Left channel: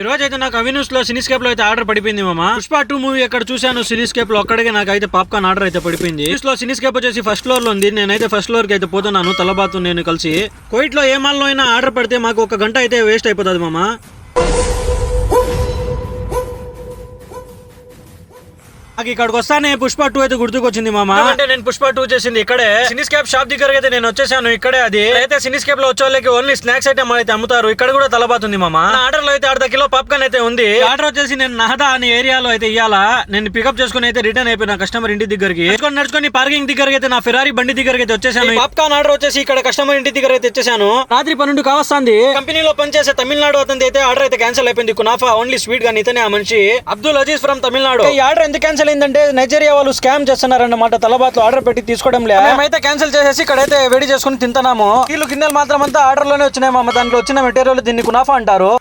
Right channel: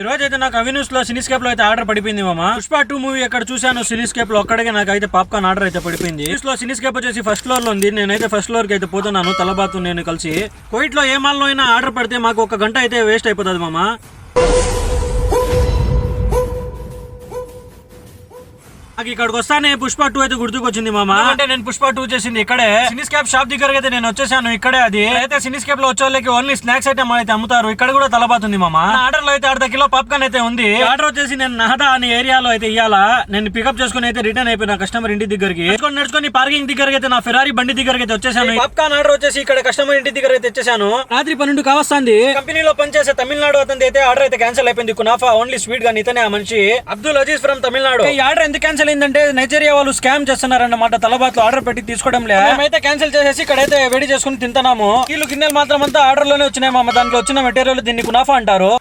ఈ రోజు అయితే నాకు అవినూస్లో సినీస్కేప్లో అయితే ఆర్డర్ పడిపోయింది మామ. పుష్ప టూ మూవీ ఎక్కడ చూశాను సినీస్కేప్లో ఒక్కడికే నాకు అయితే పాప్కార్న్ ఆర్డర్ అయితే పడిపోయింది. News లో సినీస్కేప్ వచ్చేసి ఫస్ట్ ఫ్లోర్లో ఉంది. నేనైతే ఫస్ట్ ఫ్లోర్కి అయితే పోతున్నాను తలబాతు నేను కలిసి. కోయిట్లో ఏ మాల్లో అయినా ఆర్డర్ పడితే మాకు ఒక గంట అయితే వేస్ట్ అయిపోతుంది మామ. నాకు ఇక్కడికి వస్తానే పుష్ప టూ అయితే గుర్తుకొచ్చింది మామ. అంటే నేను పుష్ప టూ చేసింది ఇక్కడే. సినిస్కేప్ షాప్ దగ్గర అయితే నేను వచ్చేసాను ఇక్కడే అది. అయితే సినిస్కేప్లో వచ్చే ఓన్లీ స్నాక్స్ ఐటమ్ అయితే అమ్ముతారు. ఇక్కడ కూడా తలబాతుంది మామ. ఆర్డర్లో అయితే అర్ధ కిలో పాప్కార్న్ అయితే ఉంది. ఆర్డర్ వచ్చేసి నేను నహదా అనే ఏరియాలో అయితే ఇయ్యాలా? నేను పికప్ చేసుకుని అయితే రిటర్న్ అయిపోయినా కస్టమర్ ఇంటి దగ్గరికి. నడుచుకొని నడుచుకొని పార్కింగ్ దగ్గరికి అయితే నా ఫెరారీ బండి దగ్గరికి అయితే వచ్చేసాను పాప్కార్న్ ఆర్డర్ వచ్చేసి ఇక్కడ కస్టమర్ ఇంటి దగ్గర అయితే వచ్చేసాను. రాత్రి పన్నెండు కావస్తుంది. కంపెనీలో పనిచేసే తమిళనాడు అతని అయితే ఆర్డర్ అయితే క్యాన్సిల్ అయిపోయింది. కునాఫా ఓన్లీ స్వీట్ గానీ ఇతనే ఆ మనిషి. అబ్దుల్ అజీజ్ ఫ్రమ్ తమిళనాడు. ఈ ఆర్డర్ ఎందుకు క్యాన్సిల్ అయిందంటే నైజీరియా వాళ్ళు స్కామ్ చేస్తున్నారన్నమాట తలబాత్ ఆర్డర్ పెట్టి తీసుకోవడం లేదు మేమైతే క్యాన్సిల్ చేసేసి ఇక్కడైతే వేడి చేసుకుని తింటున్నాము. వీళ్ళు గిన్నెలు మాత్రం అంతా ఆర్డర్లోనే వచ్చినాయి మామ. దాంట్లో వచ్చిన మెటీరియల్ దీన్ని కునాఫా అంటారు.